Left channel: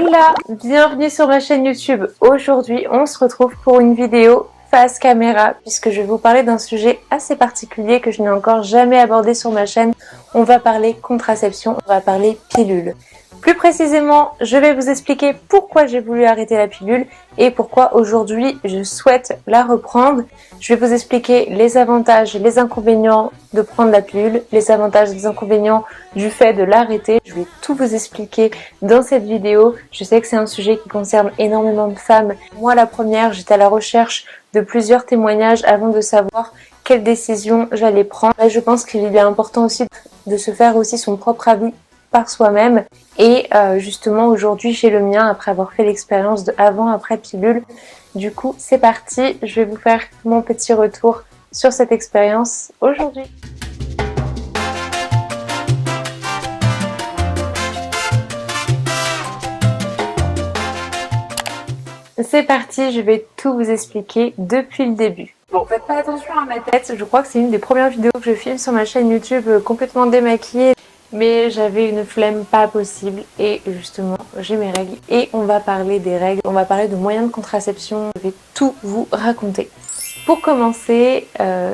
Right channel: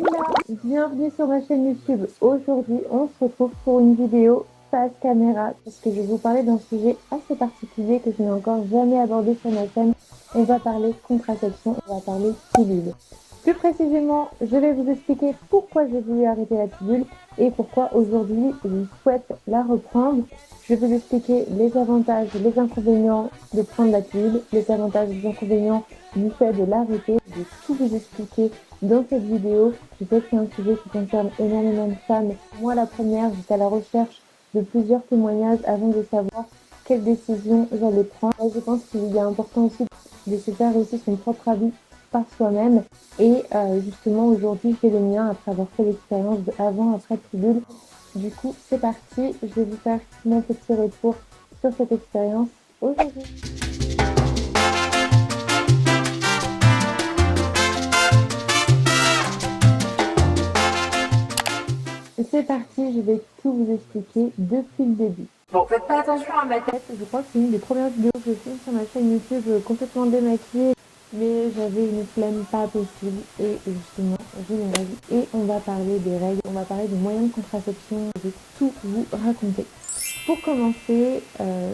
Hola, bienvenue sur ma chaîne YouTube. Aujourd'hui, on se retrouve pour une vidéo face caméra puisque je vais vous parler d'un sujet assez particulier que je n'ai encore jamais abordé sur ma chaîne. On va parler contraception, on va parler pilule. Plus précisément, je vais vous expliquer pourquoi j'ai voulu arrêter la pilule et pourquoi aujourd'hui je souhaite la reprendre. Je vais vous expliquer les avantages et les inconvénients de prendre la pilule, les avantages et les inconvénients du fait de l'arrêter. Je vais tout vous expliquer dans cette vidéo. Je sais que c'est un sujet qui concerne énormément de femmes. Moi, la première, j'étais à la recherche de plusieurs témoignages avant de savoir quelle décision j'allais prendre. Et je pense qu'il est important aussi de se faire aussi son propre avis par soi-même. Et justement, aujourd'hui, j'ai le mien après avoir fait l'expérience de avant-après pilule. Du coup, c'est parti. Je vais vous faire mon petit retour sur cette expérience aujourd'hui. C'est parti, je vais tout vous expliquer depuis le début. Bon, faites pas attention à ma tête, je crois que c'est une des premières vidéos que je filme sur ma chaîne YouTube complètement démaquillée. Mais j'avais une flemme pas possible et justement j'ai mes règles et on va parler des règles, on va parler de moyens de contraception, je vais tout vous raconter. Pour commencer,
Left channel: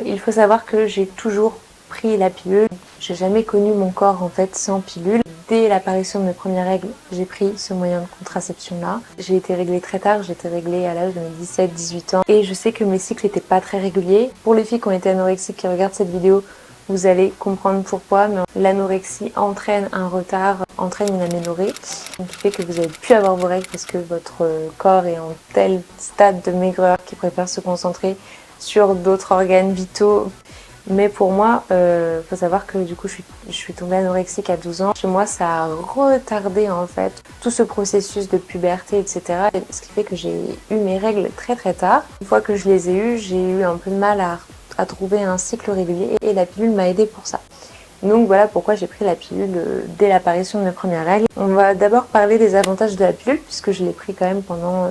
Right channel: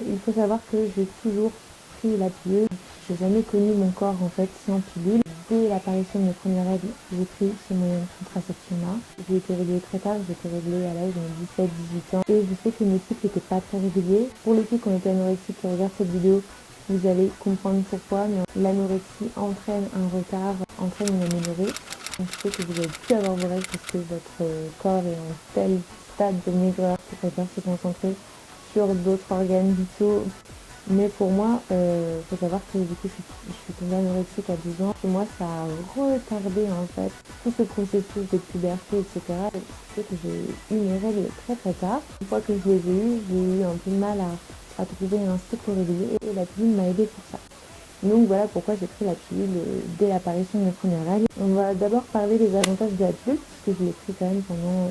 il faut savoir que j'ai toujours pris la pilule. J'ai jamais connu mon corps en fait sans pilule. Dès l'apparition de mes premières règles, j'ai pris ce moyen de contraception là. J'ai été réglée très tard, j'ai été réglée à l'âge de mes 17-18 ans et je sais que mes cycles n'étaient pas très réguliers. Pour les filles qui ont été anorexiques qui regardent cette vidéo, vous allez comprendre pourquoi, mais l'anorexie entraîne un retard, entraîne une aménorrhée, donc qui fait que vous n'allez plus avoir vos règles parce que votre corps est en tel stade de maigreur qu'il préfère se concentrer sur d'autres organes vitaux. Mais pour moi, faut savoir que du coup je suis tombée anorexique à 12 ans. Chez moi, ça a retardé en fait tout ce processus de puberté, etc. Ce qui fait que j'ai eu mes règles très très tard. Une fois que je les ai eues, j'ai eu un peu de mal à trouver un cycle régulier et la pilule m'a aidée pour ça. Donc voilà pourquoi j'ai pris la pilule dès l'apparition de mes premières règles. On va d'abord parler des avantages de la pilule puisque je l'ai pris quand même pendant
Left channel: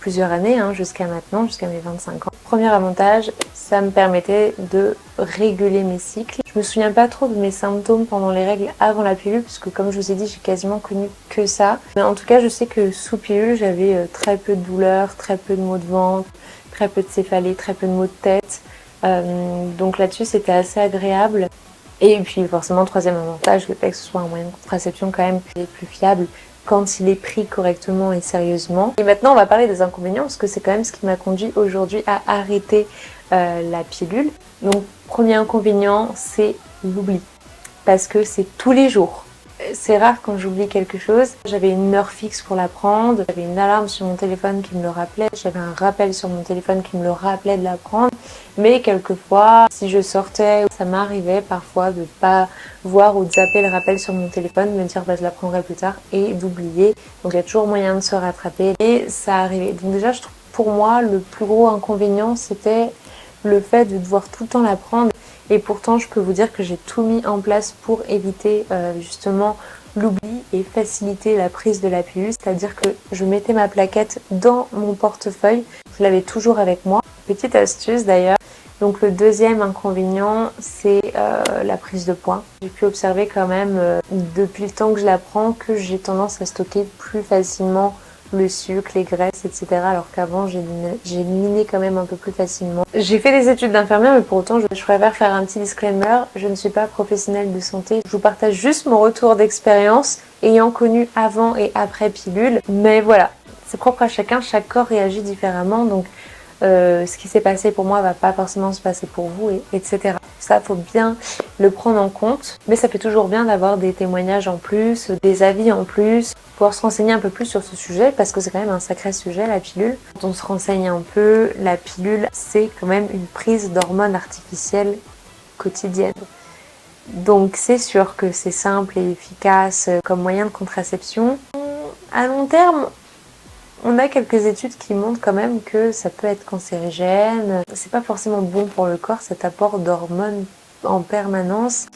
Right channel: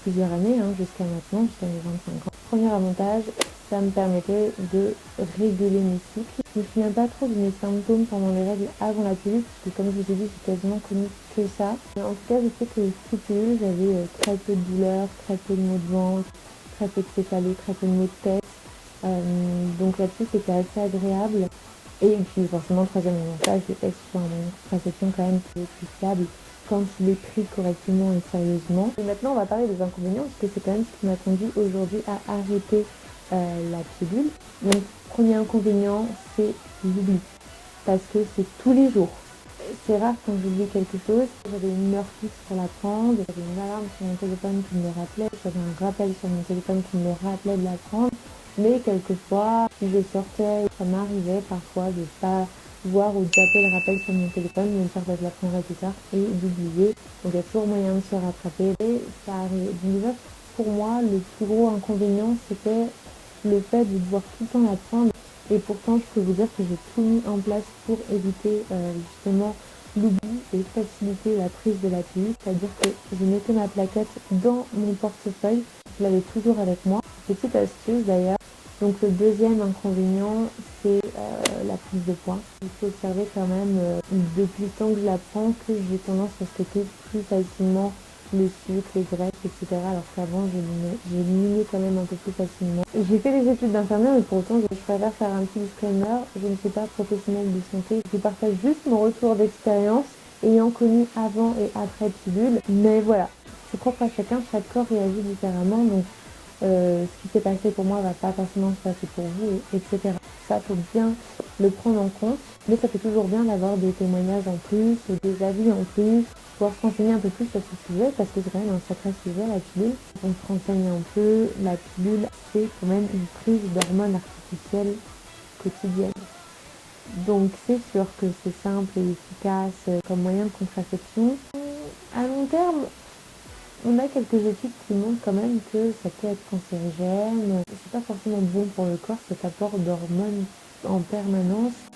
plusieurs années, jusqu'à maintenant, jusqu'à mes 25 ans. Premier avantage, ça me permettait de réguler mes cycles. Je me souviens pas trop de mes symptômes pendant les règles avant la pilule, puisque comme je vous ai dit, j'ai quasiment connu que ça. Mais en tout cas, je sais que sous pilule, j'avais très peu de douleurs, très peu de maux de ventre, très peu de céphalée, très peu de maux de tête. Donc là-dessus, c'était assez agréable. Et puis forcément, troisième avantage, le fait que ce soit un moyen de contraception quand même plus fiable quand il est pris correctement et sérieusement. Et maintenant, on va parler des inconvénients parce que c'est quand même ce qui m'a conduit aujourd'hui à arrêter la pilule. Donc, premier inconvénient, c'est l'oubli parce que c'est tous les jours. C'est rare quand j'oublie quelque chose. J'avais une heure fixe pour la prendre, j'avais une alarme sur mon téléphone qui me le rappelait, j'avais un rappel sur mon téléphone qui me le rappelait de la prendre. Mais quelquefois, si je sortais, ça m'arrivait parfois de pas voir ou de zapper le rappel sur mon téléphone, de me dire bah, je la prendrai plus tard et d'oublier. Donc il y a toujours moyen de se rattraper et ça arrivait. Donc déjà, je trouve, pour moi, le plus gros inconvénient, c'était le fait de devoir tout le temps la prendre. Et pourtant, je peux vous dire que j'ai tout mis en place pour éviter justement l'oubli et faciliter la prise de la pilule. C'est-à-dire que je mettais ma plaquette dans mon portefeuille. Je l'avais toujours avec moi. Petite astuce d'ailleurs. Donc le deuxième inconvénient, c'est la prise de poids. J'ai pu observer quand même depuis le temps que je la prends que j'ai tendance à stocker plus facilement le sucre, les graisses, etc. Alors qu'avant, j'éliminais quand même un peu plus facilement. J'ai fait des études d'infirmière, mais pour autant, je préfère faire un petit disclaimer. Je ne suis pas professionnelle de santé. Je vous partage juste mon retour d'expérience ayant connu avant et après pilule. Mais voilà, c'est propre à chacun. Chaque corps réagit différemment. Donc, ce qui s'est passé pour moi va pas forcément se passer pour vous, etc. Ça, faut bien le prendre en compte. Mais ça fait toujours bien d'avoir des témoignages en plus, des avis en plus, pouvoir se renseigner un peu plus sur ce sujet parce que c'est quand même un sacré sujet, la pilule. Quand on se renseigne un peu, la pilule, c'est quand même une prise d'hormones artificielles quotidienne. Donc c'est sûr que c'est simple et efficace comme moyen de contraception. À long terme, on a quelques études qui montrent quand même que ça peut être cancérigène. C'est pas forcément bon pour le corps cet apport d'hormones en permanence.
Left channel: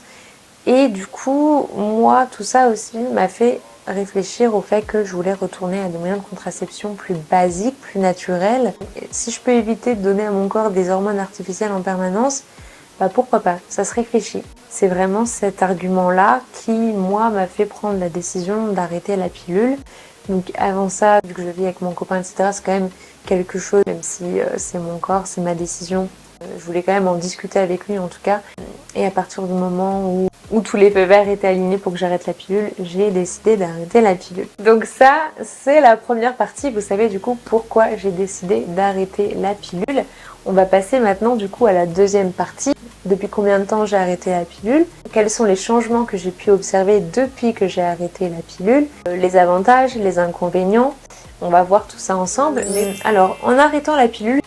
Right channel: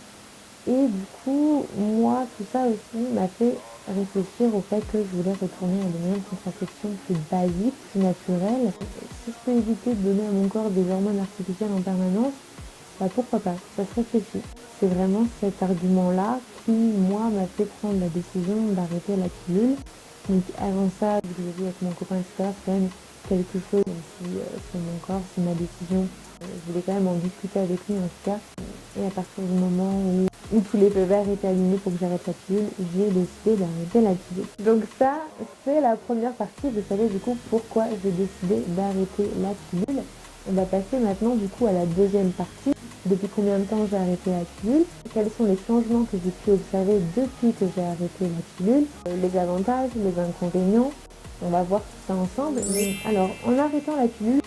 Et du coup, moi, tout ça aussi m'a fait réfléchir au fait que je voulais retourner à des moyens de contraception plus basiques, plus naturels. Et si je peux éviter de donner à mon corps des hormones artificielles en permanence, bah pourquoi pas, ça se réfléchit. C'est vraiment cet argument-là qui, moi, m'a fait prendre la décision d'arrêter la pilule. Donc avant ça, vu que je vis avec mon copain, etc., c'est quand même quelque chose, même si c'est mon corps, c'est ma décision. Je voulais quand même en discuter avec lui en tout cas. Et à partir du moment où tous les feux verts étaient alignés pour que j'arrête la pilule, j'ai décidé d'arrêter la pilule. Donc ça, c'est la première partie. Vous savez du coup pourquoi j'ai décidé d'arrêter la pilule. On va passer maintenant du coup à la deuxième partie. Depuis combien de temps j'ai arrêté la pilule? Quels sont les changements que j'ai pu observer depuis que j'ai arrêté la pilule? Les avantages, les inconvénients. On va voir tout ça ensemble. Mais alors, en arrêtant la pilule,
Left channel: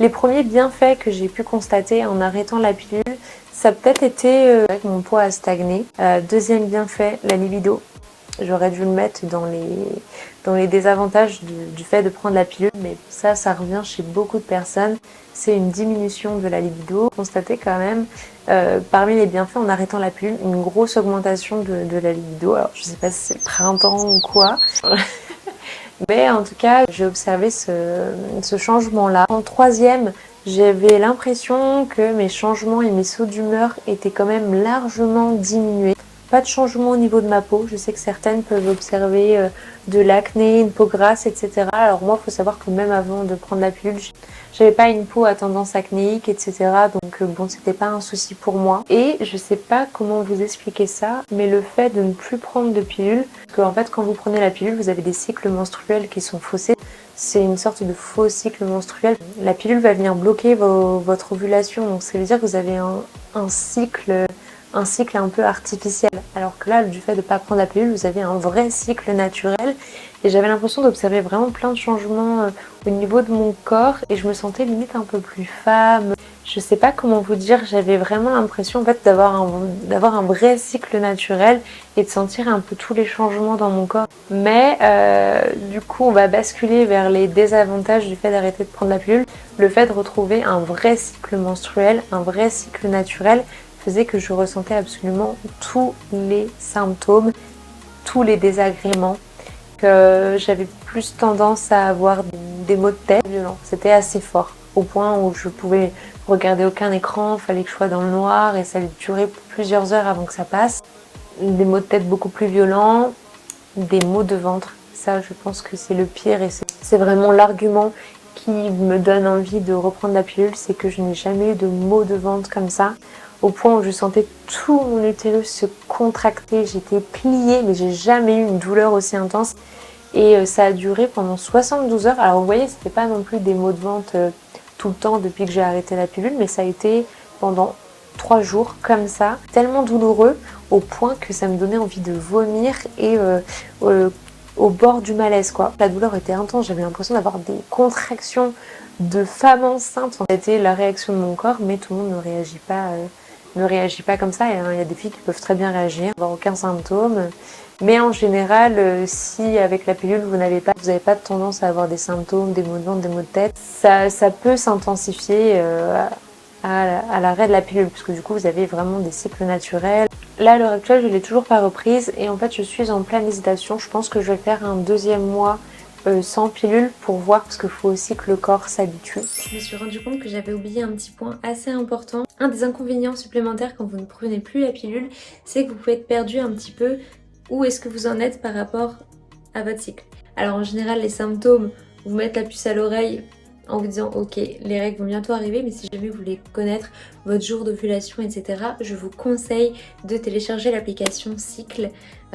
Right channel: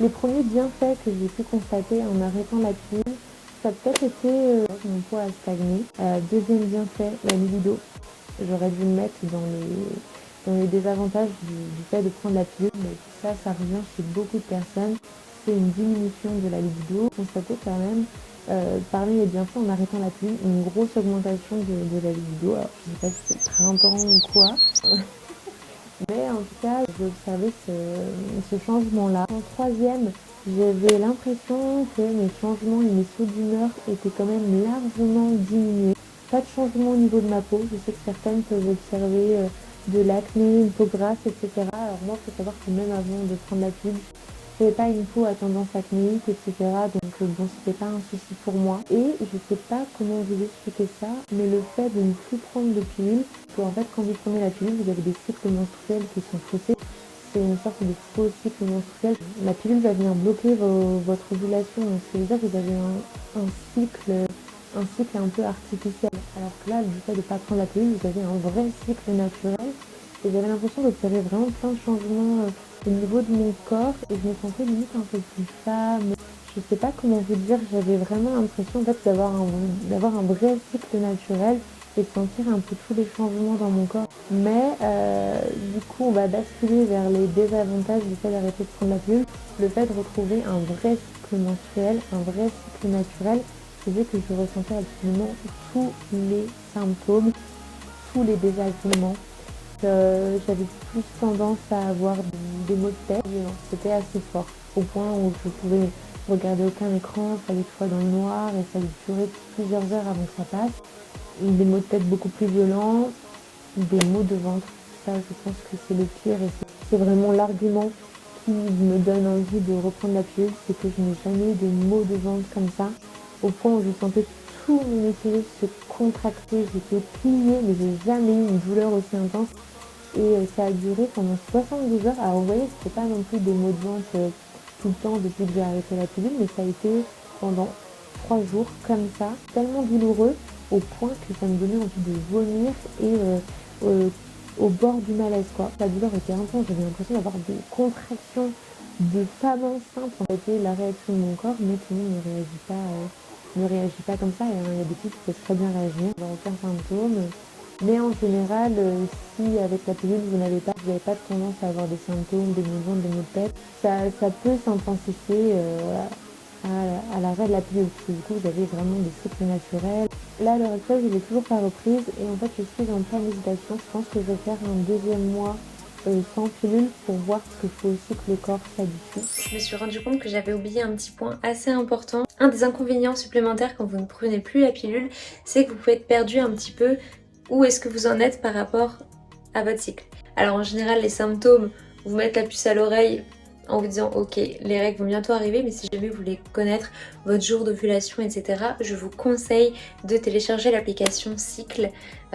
les premiers bienfaits que j'ai pu constater en arrêtant la pilule, ça a peut-être été que mon poids a stagné. Deuxième bienfait, la libido. J'aurais dû le mettre dans les désavantages du fait de prendre la pilule, mais ça revient chez beaucoup de personnes. C'est une diminution de la libido. Constaté quand même, parmi les bienfaits en arrêtant la pilule, une grosse augmentation de la libido. Alors je sais pas si c'est le printemps ou quoi. Mais en tout cas, j'ai observé ce changement-là. En troisième, j'avais l'impression que mes changements et mes sauts d'humeur étaient quand même largement diminués. Pas de changement au niveau de ma peau. Je sais que certaines peuvent observer de l'acné, une peau grasse, etc. Alors moi, il faut savoir que même avant de prendre la pilule, j'avais pas une peau à tendance acnéique, etc. Donc bon, c'était pas un souci pour moi. Et je sais pas comment vous expliquer ça, mais le fait de ne plus prendre de pilule, en fait quand vous prenez la pilule, vous avez des cycles menstruels qui sont faussés. C'est une sorte de faux cycle menstruel. La pilule va venir bloquer votre ovulation, donc ça veut dire que vous avez un cycle un peu artificiel. Alors que là, du fait de ne pas prendre la pilule, vous avez un vrai cycle naturel. Et j'avais l'impression d'observer vraiment plein de changements au niveau de mon corps et je me sentais limite un peu plus femme. Je sais pas comment vous dire, j'avais vraiment l'impression en fait d'avoir un vrai cycle naturel et de sentir un peu tous les changements dans mon corps. Mais du coup, on va basculer vers les désavantages du fait d'arrêter de prendre la pilule. Le fait de retrouver un vrai cycle menstruel, un vrai cycle naturel faisait que je ressentais absolument tous les symptômes, tous les désagréments. Que j'avais plus tendance à avoir des maux de tête violents. C'était assez fort, au point où je pouvais regarder aucun écran, il fallait que je sois dans le noir et ça durait plusieurs heures avant que ça passe. Des maux de tête beaucoup plus violents, des maux de ventre. Ça, je pense que c'est le pire et c'est vraiment l'argument qui me donne envie de reprendre la pilule, c'est que je n'ai jamais eu de maux de ventre comme ça. Au point où je sentais tout mon utérus se contracter, j'étais pliée, mais j'ai jamais eu une douleur aussi intense. Et ça a duré pendant 72 heures. Alors vous voyez, c'était pas non plus des maux de ventre tout le temps depuis que j'ai arrêté la pilule, mais ça a été pendant 3 jours comme ça, tellement douloureux au point que ça me donnait envie de vomir et au bord du malaise quoi. La douleur était intense, j'avais l'impression d'avoir des contractions de femme enceinte. C'était la réaction de mon corps, mais tout le monde ne réagit pas comme ça. Il y a des filles qui peuvent très bien réagir, avoir aucun symptôme. Mais en général, si avec la pilule vous n'avez pas de tendance à avoir des symptômes, des maux de ventre, des maux de tête, ça peut s'intensifier à l'arrêt de la pilule, parce que du coup vous avez vraiment des cycles naturels. Là à l'heure actuelle, je ne l'ai toujours pas reprise et en fait je suis en pleine hésitation. Je pense que je vais faire un deuxième mois sans pilule pour voir, parce qu'il faut aussi que le corps s'habitue. Je me suis rendu compte que j'avais oublié un petit point assez important. Un des inconvénients supplémentaires quand vous ne prenez plus la pilule, c'est que vous pouvez être perdu un petit peu où est-ce que vous en êtes par rapport à votre cycle. Alors en général, les symptômes, vous mettez la puce à l'oreille en vous disant ok, les règles vont bientôt arriver, mais si jamais vous voulez connaître votre jour d'ovulation, etc., je vous conseille de télécharger l'application Cycle.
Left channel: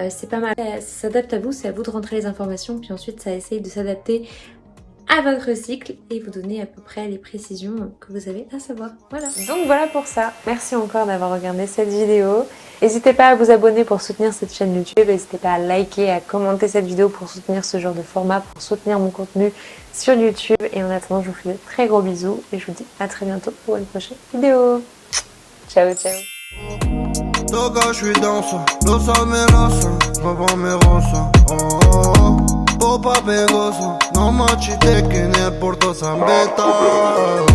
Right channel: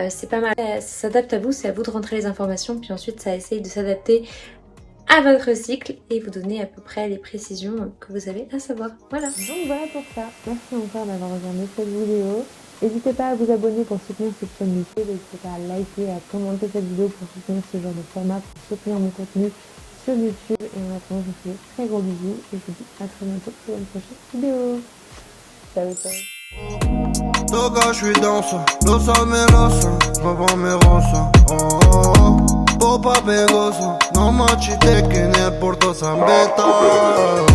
C'est pas mal, ça s'adapte à vous, c'est à vous de rentrer les informations, puis ensuite ça essaye de s'adapter à votre cycle et vous donner à peu près les précisions que vous avez à savoir. Voilà. Donc voilà pour ça. Merci encore d'avoir regardé cette vidéo. N'hésitez pas à vous abonner pour soutenir cette chaîne YouTube. N'hésitez pas à liker, à commenter cette vidéo pour soutenir ce genre de format, pour soutenir mon contenu sur YouTube. Et en attendant, je vous fais de très gros bisous et je vous dis à très bientôt pour une prochaine vidéo. Ciao, ciao. Toca, je suis dans ça, los amenazan, roban mi rosa, oh, oh, oh. Popa pegosa, no machite que en el Porto San Beta.